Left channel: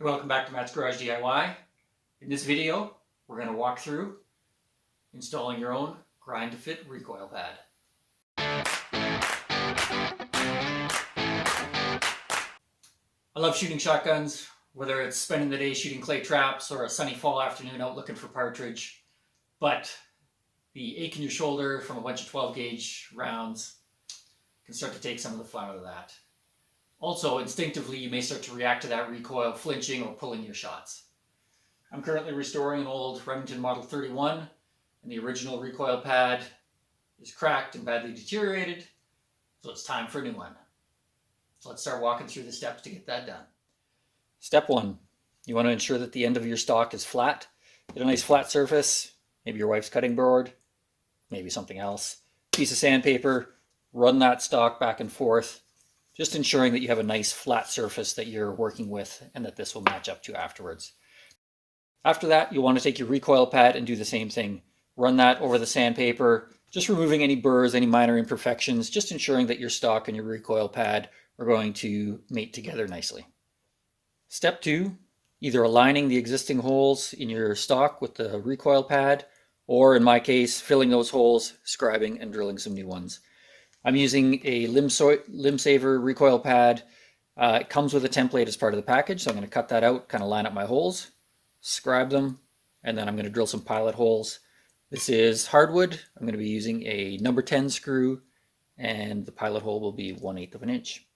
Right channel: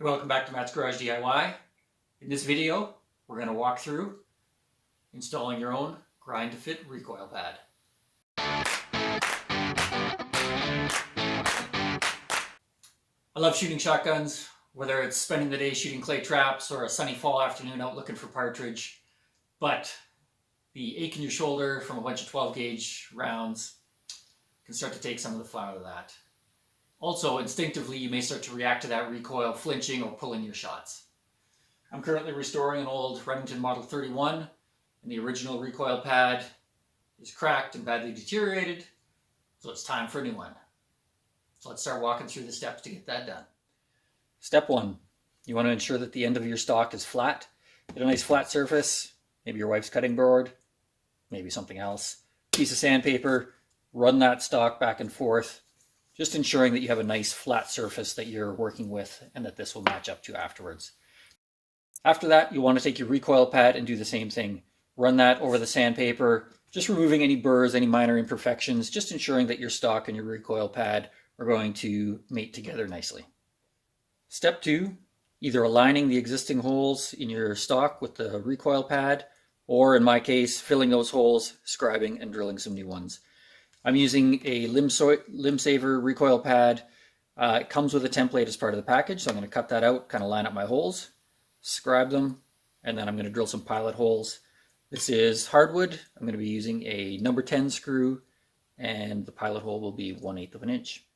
Hey, welcome back to Matt's Garage DIY. In this video, we're going to walk through installing your own grind to fit recoil pad. I love shooting shotguns, whether it's spending the day shooting clay traps or a sunny fall afternoon out looking for partridge. But the ache in your shoulder from a bunch of 12 gauge rounds can start to take some of the fun out of that. Also, instinctively, you may start to react to that recoil, flinching or pulling your shots. I'm currently restoring an old Remington Model 31, and the original recoil pad is cracked and badly deteriorated, so it's time for a new one. So let's start walking through the steps to get that done. Step one, you want to ensure that the end of your stock is flat. Get a nice flat surface, maybe your wife's cutting board, maybe something else. Piece of sandpaper, run that stock back and forth, just ensuring that you have a nice flat surface that you're working with and that this will match up to afterwards. After that, you want to take your recoil pad and do the same thing. Run that over the sandpaper, just removing any burrs, any minor imperfections, just ensuring that your stock and your recoil pad are going to mate together nicely. Step two, either aligning the existing holes in your stock with the recoil pad, or in my case, filling those holes, scribing and drilling some new ones. I'm using a Limbsaver recoil pad. It comes with a template as part of the package, so I'm going to cut that out, kind of line up my holes, scribe them, and then I'm going to drill some pilot holes. This is hardwood. I'm going to be using a number 10 screw, and the pilot hole will be 1/8 of an inch.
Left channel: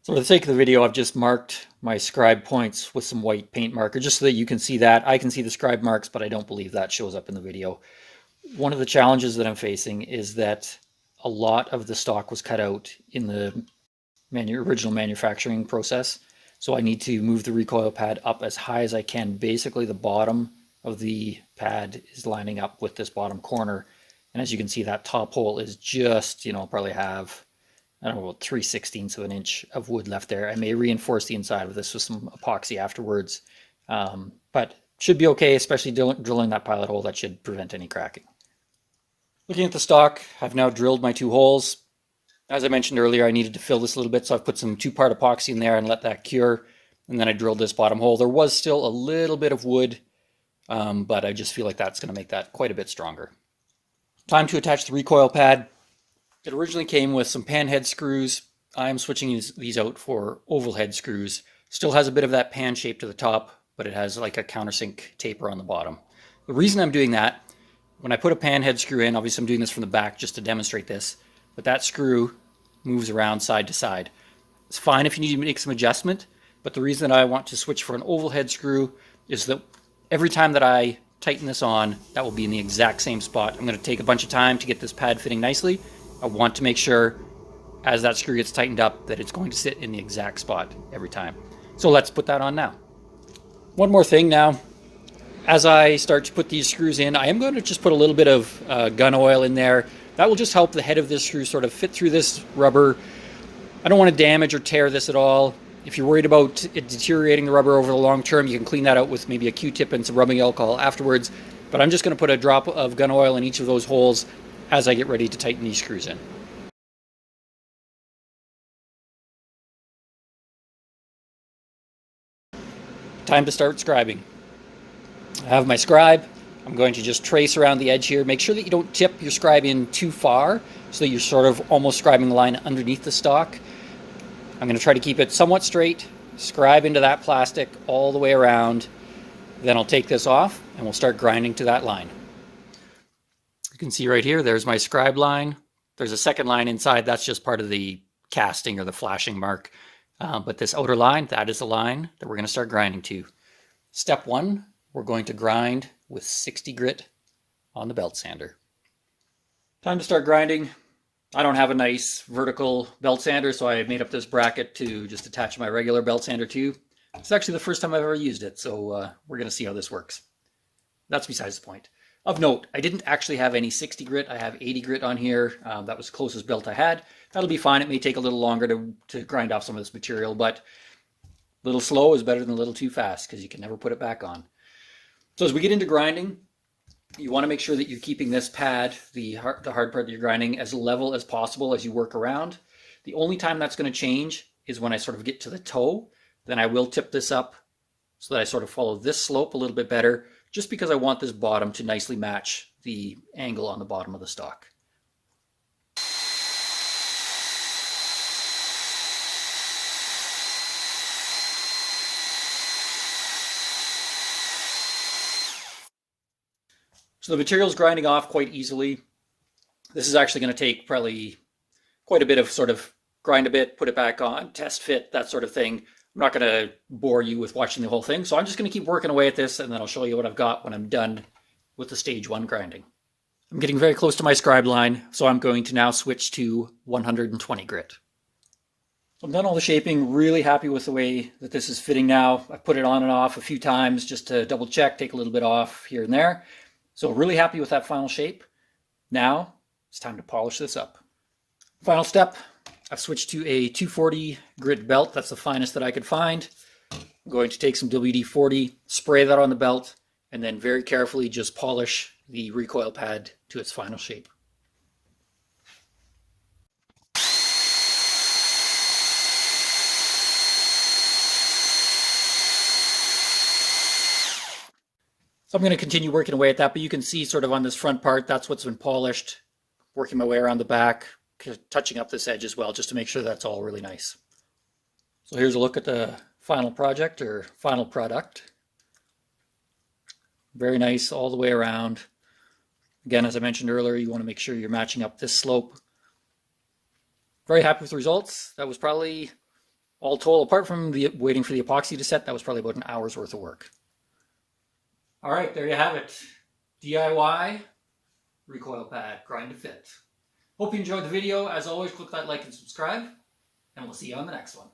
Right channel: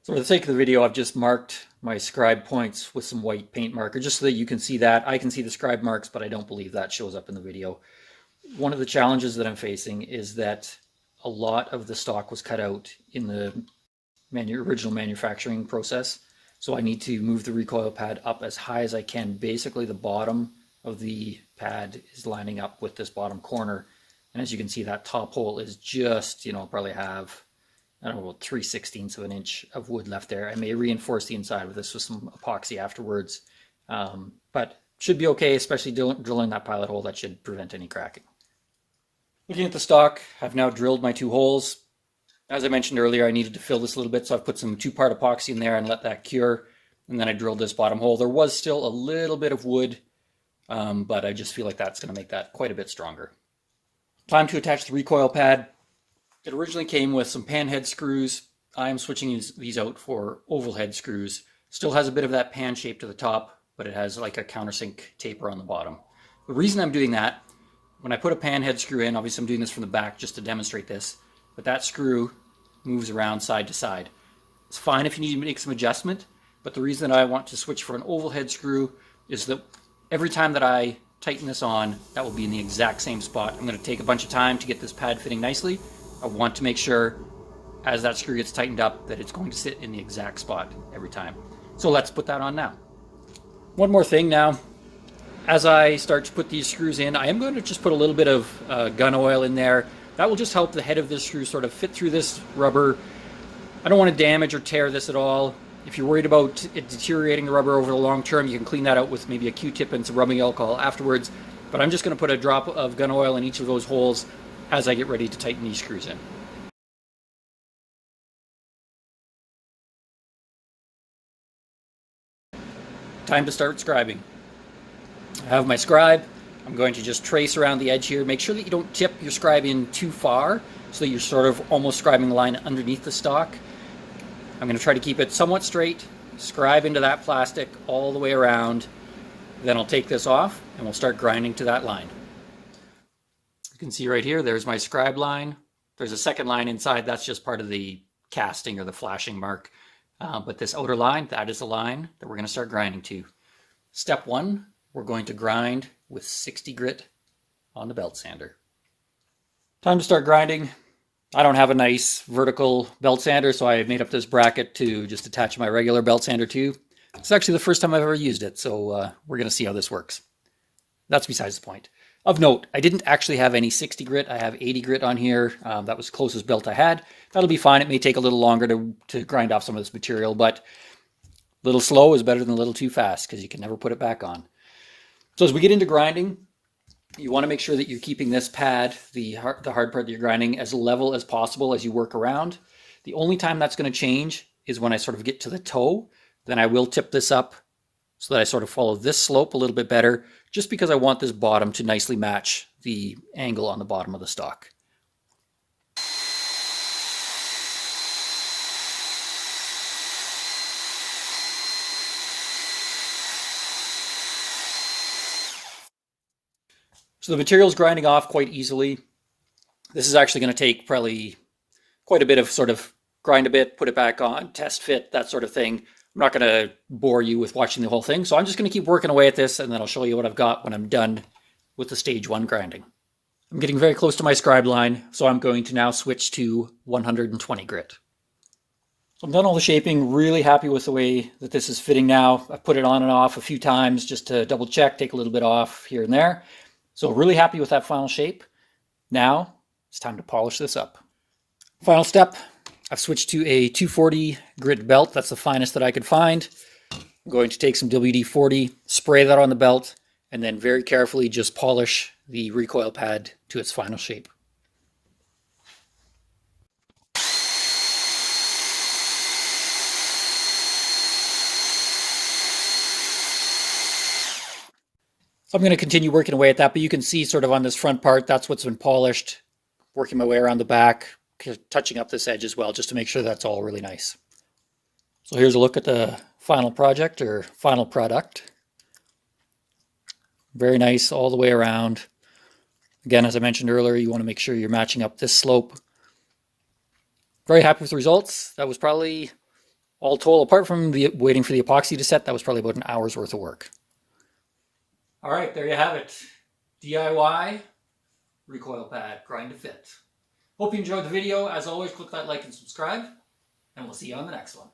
So for the sake of the video, I've just marked my scribe points with some white paint marker, just so that you can see that. I can see the scribe marks, but I don't believe that shows up in the video. One of the challenges that I'm facing is that a lot of the stock was cut out in the original manufacturing process. So I need to move the recoil pad up as high as I can. Basically, the bottom of the pad is lining up with this bottom corner. And as you can see, that top hole is just, probably have, I don't know, about 3/16 of an inch of wood left there. I may reinforce the inside of this with some epoxy afterwards. But should be okay, especially drilling that pilot hole. That should prevent any cracking. Looking at the stock, I've now drilled my 2 holes. As I mentioned earlier, I needed to fill this a little bit, so I've put some 2-part epoxy in there and let that cure. And then I drilled this bottom hole. There was still a little bit of wood, but I just feel like that's going to make that quite a bit stronger. Time to attach the recoil pad. It originally came with some pan head screws. I'm switching these out for oval head screws. Still has a bit of that pan shape to the top, but it has like a countersink taper on the bottom. The reason I'm doing that, when I put a pan head screw in, obviously I'm doing this from the back just to demonstrate this, but that screw moves around side to side. It's fine if you need to make some adjustment, but the reason that I want to switch for an oval head screw is that every time that I tighten this on, that will be in the exact same spot. I'm going to take a bunch of time to get this pad fitting nicely. I want to make sure as that screw gets tightened up that it's going to sit in the exact spot every time. So let's put that on now. One more thing now. As I start to put these screws in, I am going to just put a little bit of gun oil in there. That will just help the head of this screw sort of fit through this rubber. I don't want to damage or tear this at all. If you're worried about it deteriorating the rubber over the long term, you can clean that out with maybe a Q-tip and some rubbing alcohol afterwards. But I'm just going to put a drop of gun oil in each of those holes as I get ready to tighten these screws in. Time to start scribing. I have my scribe. I'm going to just trace around the edge here. Make sure that you don't tip your scribe in too far so that you're sort of almost scribing the line underneath the stock. I'm going to try to keep it somewhat straight, scribe into that plastic all the way around. Then I'll take this off and we'll start grinding to that line. You can see right here, there's my scribe line. There's a second line inside. That's just part of the casting or the flashing mark. But this outer line, that is the line that we're going to start grinding to. Step one, we're going to grind with 60 grit on the belt sander. Time to start grinding. I don't have a nice vertical belt sander, so I made up this bracket to just attach my regular belt sander to. It's actually the first time I've ever used it, so we're going to see how this works. That's besides the point. Of note, I didn't actually have any 60 grit. I have 80 grit on here. That was the closest belt I had. That'll be fine. It may take a little longer to grind off some of this material, but a little slow is better than a little too fast because you can never put it back on. So as we get into grinding, you want to make sure that you're keeping this pad, the hard part that you're grinding, as level as possible as you work around. The only time that's going to change is when I sort of get to the toe. Then I will tip this up so that I sort of follow this slope a little bit better, just because I want this bottom to nicely match the angle on the bottom of the stock. So the material's grinding off quite easily. This is actually going to take probably quite a bit of sort of grind a bit, put it back on, test fit, that sort of thing. I'm not going to bore you with watching the whole thing, so I'm just going to keep working away at this, and then I'll show you what I've got when I'm done with the stage 1 grinding. I'm getting very close to my scribe line, so I'm going to now switch to 120 grit. So I've done all the shaping, really happy with the way that this is fitting now. I've put it on and off a few times just to double check, take a little bit off here and there. So really happy with that final shape. Now it's time to polish this up. Final step, I've switched to a 240 grit belt. That's the finest that I could find. I'm going to take some WD-40, spray that on the belt, and then very carefully just polish the recoil pad to its final shape. So I'm going to continue working away at that, but you can see sort of on this front part, that's what's been polished. Working my way around the back, touching up this edge as well, just to make sure that's all really nice. So here's a look at the final project or final product. Very nice all the way around. Again, as I mentioned earlier, you want to make sure you're matching up this slope. Very happy with the results. That was probably, all told, apart from the waiting for the epoxy to set, that was probably about an hour's worth of work. All right, there you have it. DIY recoil pad, grind to fit. Hope you enjoyed the video. As always, click that like and subscribe, and we'll see you on the next one.